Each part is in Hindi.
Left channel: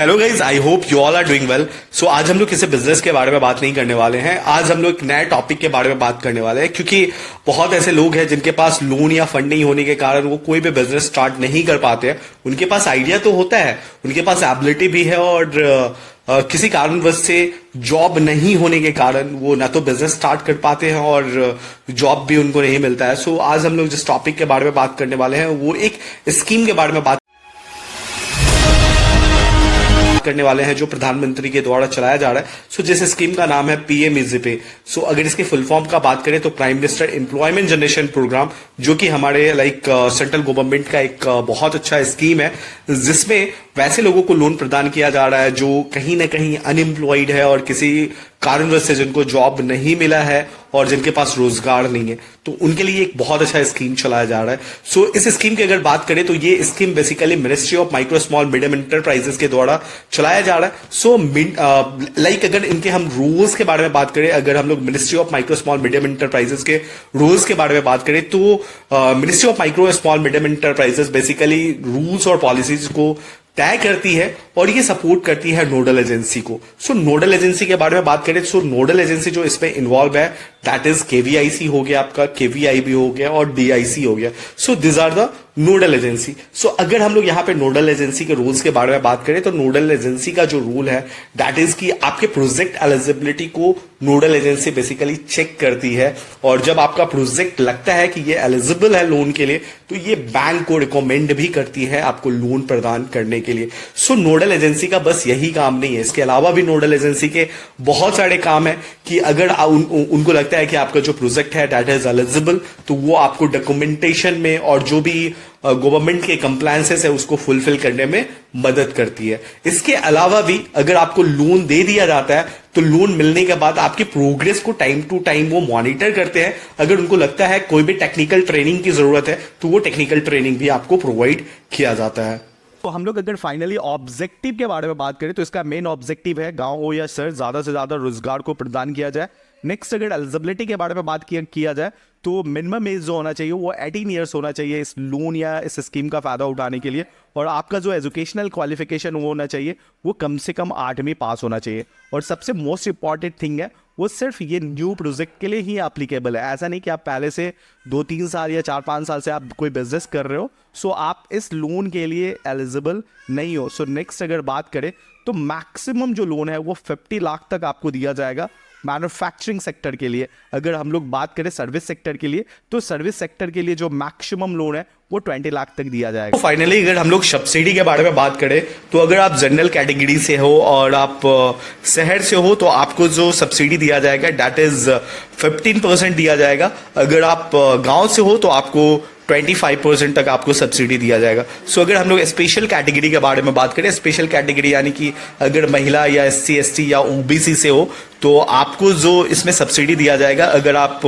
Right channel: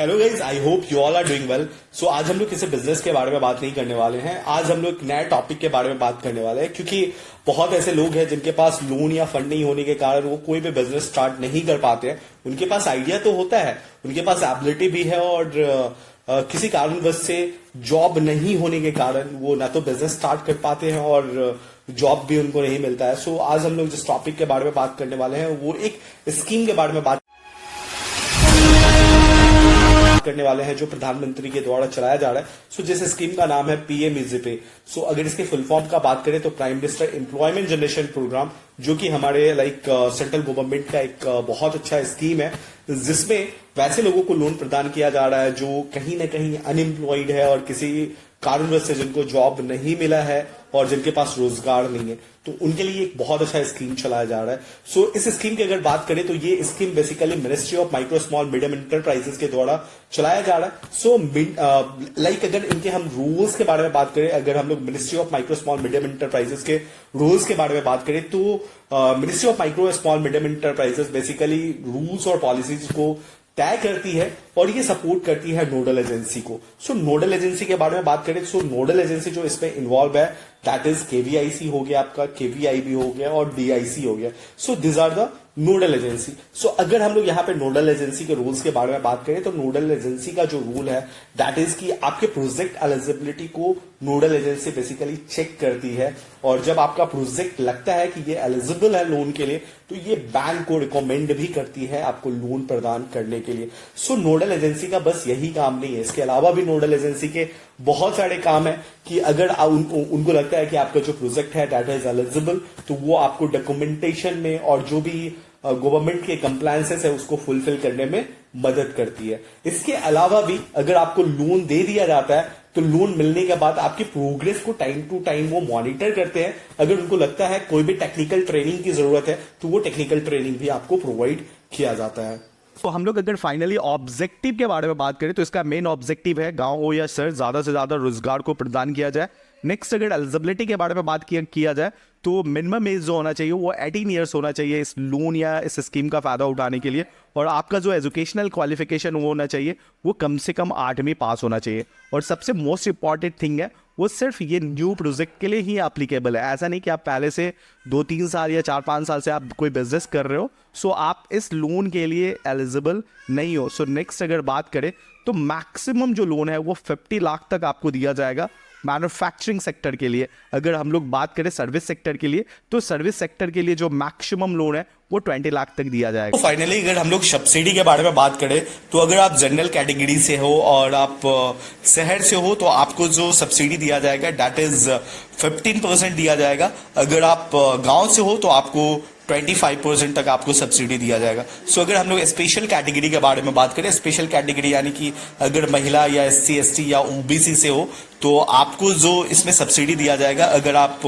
Hello guys, I hope you all are doing well. So आज हम लोग किसी बिजनेस के बारे में बात नहीं करने वाले हैं। आज हम लोग एक नए टॉपिक के बारे में बात करने वाले हैं, क्योंकि बहुत ऐसे लोग हैं जिनके पास लोन या फंड नहीं होने के कारण वो कोई भी बिजनेस स्टार्ट नहीं कर पाते हैं। उनके पास आइडिया तो होता है, उनके पास एबिलिटी भी है, और किसी कारणवश से जॉब नहीं होने के कारण वो ना तो बिजनेस स्टार्ट कर पाते हैं और जॉब भी उनको नहीं मिलता है। सो आज हम लोग जिस टॉपिक के बारे में बात करने वाले हैं वो एक स्कीम के बारे में बात करने वाले हैं जो प्रधानमंत्री के द्वारा चलाया जा रहा है। सो जिस स्कीम का नाम है पीएम इजी पे। सो अगर इसके फुल फॉर्म का बात करें तो prime minister employment generation program, जो कि हमारे सेंट्रल गवर्नमेंट का एक बहुत अच्छा स्कीम है, जिसमें वैसे लोगों को लोन प्रदान किया जा रहा है जो कहीं ना कहीं अनएम्प्लॉयड है और किसी कारणवश से जिनको जॉब नहीं मिला है और जिनके पास रोजगार नहीं है, तो उनके लिए एक बहुत अच्छा स्कीम चलाया जा रहा है। सो इस स्कीम की अगर बात करें तो ये scheme basically ministry of micro small medium enterprises के द्वारा चलाया जा रहा है। सो अगर इनके हम रूल्स के बारे में बात करें, अगर हम लोग ministry of micro small medium enterprises के रूल्स के बारे में बात करें तो ministry of micro small medium enterprises basically rules और पॉलिसीज को तय करती है और ये सपोर्ट करती है नोडल एजेंसी को। सो नोडल एजेंसी के बारे में बात करें तो नोडल एजेंसी जो इसमें इन्वॉल्व है दैट इज केवीआईसी हो गया, आपका केवीआईबी हो गया और डीआईसी हो गया। So this are the nodal agency. So अगर हम लोग यहाँ पे नोडल एजेंसी के रूल्स के बारे में बात करें तो नोडल एजेंसी का जो रूल है दैट इज कि आपके प्रोजेक्ट एलिजिबिलिटी को नोडल एजेंसी बेसिकली चेक करती है, और जब आपका प्रोजेक्ट लगता है कि ये एलिजिबल है लोन के लिए तो ये बैंक को रिकमेंड भी करती है आपको लोन प्रदान करने के लिए। सो नोडल एजेंसी का बस यही काम नहीं है, इसके अलावा भी नोडल एजेंसी के बहुत सारे काम है कि अगर उनको लगता है कि आपका जो प्रोजेक्ट है दैट इज एलिजिबल तो वो आपको डॉक्यूमेंटेशन में और जो भी गवर्नमेंट के कंप्लायंसेस है उसको फुलफिल करने में मदद करती है। इसके अलावा भी अगर आपको लोन दे दिया जाता है तो लोन मिलने के बाद आपकी प्रोग्रेस को टाइम टू टाइम वो मॉनिटर करते हैं। अगर उनको लगता है कोई भी टेक्निकल ट्रेनिंग की जरूरत है तो वो टेक्निकल ट्रेनिंग भी आपको प्रोवाइड किया जाता है। तो हम लोग अगर फाइनली ऑब्जेक्टिव के बारे में बात करें तो इसका मेन ऑब्जेक्टिव है गांव हो या शहर ज्यादा से ज्यादा रोजगार को प्रदान किया जाए। नेक्स्ट अगर एलिजिबिलिटी के बारे में बात किया जाए तो मिनिमम एज जो होना चाहिए वो 18 ईयर्स होना चाहिए इस लोन या इस स्कीम का फायदा उठाने के लिए, और आपका जो एजुकेशनल क्वालिफिकेशन वो होना चाहिए वो कम से कम 8वीं पास होना चाहिए। और सबसे मोस्ट इंपॉर्टेंट थिंग है वो सिर्फ ये न्यू प्रोजेक्ट के लिए ही एप्लीकेबल है। ऐसा नहीं कि आप पहले से 2-3 साल या 4-5 साल से आप कोई बिजनेस कर रहे हो सो आप इस लोन के लिए एलिजिबल नहीं हो। सो नेक्स्ट अगर बात करें तो मैक्सिमम जो लोन है वो 50 लाख तक आपको दिया जाएगा मैन्युफैक्चरिंग सेक्टर के लिए। अगर हम लोग बात करें सर्विस सेक्टर के लिए तो सर्विस सेक्टर के लिए जो मैक्सिमम लोन है वो 20 लाख तक दिया जाएगा। फाइनली अगर हम लोग सब्सिडी के बारे में बात करें तो अगर आप जनरल कैटेगरी से हो और आप शहर से हो तो आपको जो सब्सिडी दिया जाएगा दैट इज 15% दिया जाएगा। अगर आप गांव से हो तो आपको 25% तक आपको सब्सिडी दिया जाएगा। सो अगर हम लोग स्पेशल कैटेगरी के बारे में बात करें, स्पेशल कैटेगरी यानी कि अगर महिला या SC ST या OBC से हो तो आपको जो इसमें सब्सिडी दिया जाएगा, अगर आप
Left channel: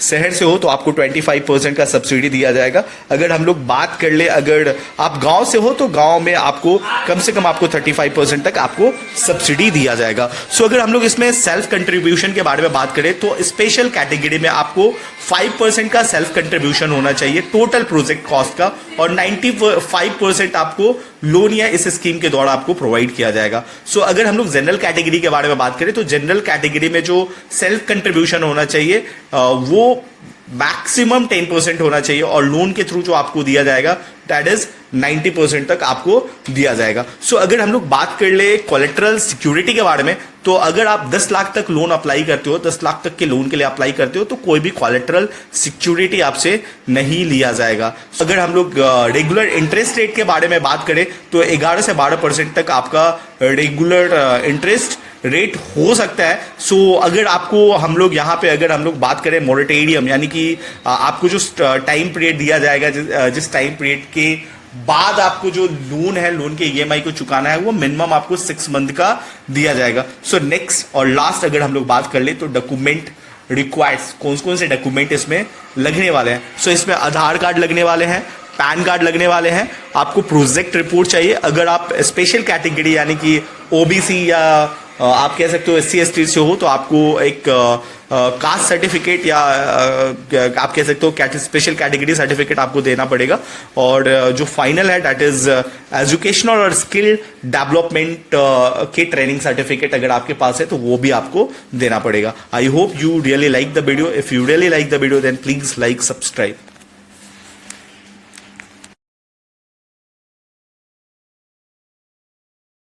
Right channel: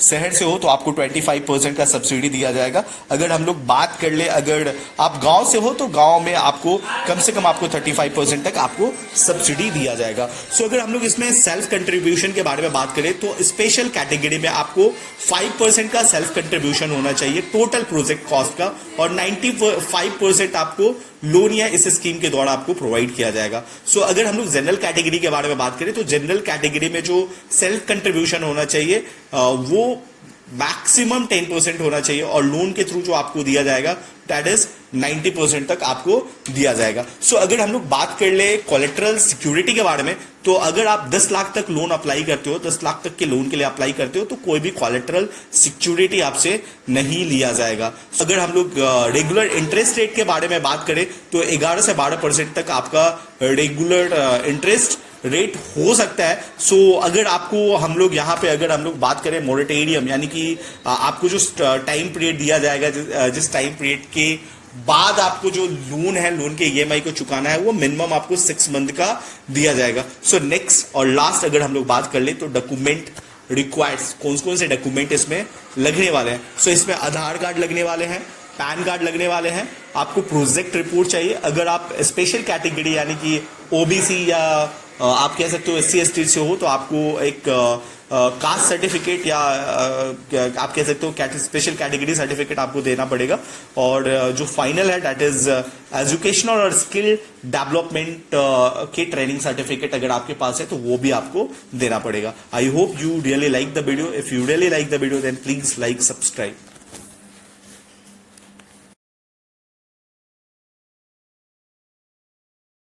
शहर से हो तो आपको 25% का सब्सिडी दिया जाएगा। अगर हम लोग बात कर ले अगर आप गांव से हो तो गांव में आपको कम से कम आपको 35% तक आपको सब्सिडी दिया जाएगा। सो अगर हम लोग इसमें सेल्फ कंट्रीब्यूशन के बारे में बात करें तो स्पेशल कैटेगरी में आपको 5% का सेल्फ कंट्रीब्यूशन होना चाहिए टोटल प्रोजेक्ट कॉस्ट का, और 95% आपको लोन या इस स्कीम के द्वारा आपको प्रोवाइड किया जाएगा। सो अगर हम लोग जनरल कैटेगरी के बारे में बात करें तो जनरल कैटेगरी में जो सेल्फ कंट्रीब्यूशन होना चाहिए वो मैक्सिमम 10% होना चाहिए, और लोन के थ्रू जो आपको दिया जाएगा दैट इज 90% तक आपको दिया जाएगा। सो अगर हम लोग बात कर ले कोलेटरल सिक्योरिटी के बारे में तो अगर आप 10 लाख तक लोन अप्लाई करते हो, 10 लाख तक के लोन के लिए अप्लाई करते हो तो कोई भी कोलेटरल सिक्योरिटी आपसे नहीं लिया जाएगा। अगर हम लोग रेगुलर इंटरेस्ट रेट के बारे में बात करें तो 11 से 12% तक आपका रेगुलर इंटरेस्ट रेट हो सकता है। सो अगर आपको हम लोग यहाँ पे अगर हम लोग बात करें मोरेटोरियम यानी कि आपको जो टाइम पीरियड दिया जाएगा, जिस टाइम पीरियड के बाद आपको जो लोन है लोन के EMI को चुकाना है वो मिनिमम आपको 6 मंथ का दिया जाएगा। सो नेक्स्ट और लास्ट अगर हम लोग बात कर ले तो डॉक्यूमेंट रिक्वायर्ड्स, कौन से डॉक्यूमेंट इसमें लगने वाले हैं। सो इसमें आधार कार्ड लगने वाले हैं, पैन कार्ड लगने वाले हैं, आपको प्रोजेक्ट रिपोर्ट चाहिए। अगर आप स्पेशल कैटेगरी यानी कि OBC या आप कह सकते हो SC/ST से हो तो आपको एक कास्ट सर्टिफिकेट या आप कह सकते हो स्पेशल कैटेगरी सर्टिफिकेट आपको देना पड़ेगा। और जो फाइनल है दैट इज एजुकेशनल और स्किल डेवलपमेंट के ट्रेनिंग सर्टिफिकेट अगर आपके पास है तो वो भी आपको देना पड़ेगा। I hope you really like the video. If you really like the video then please like, subscribe.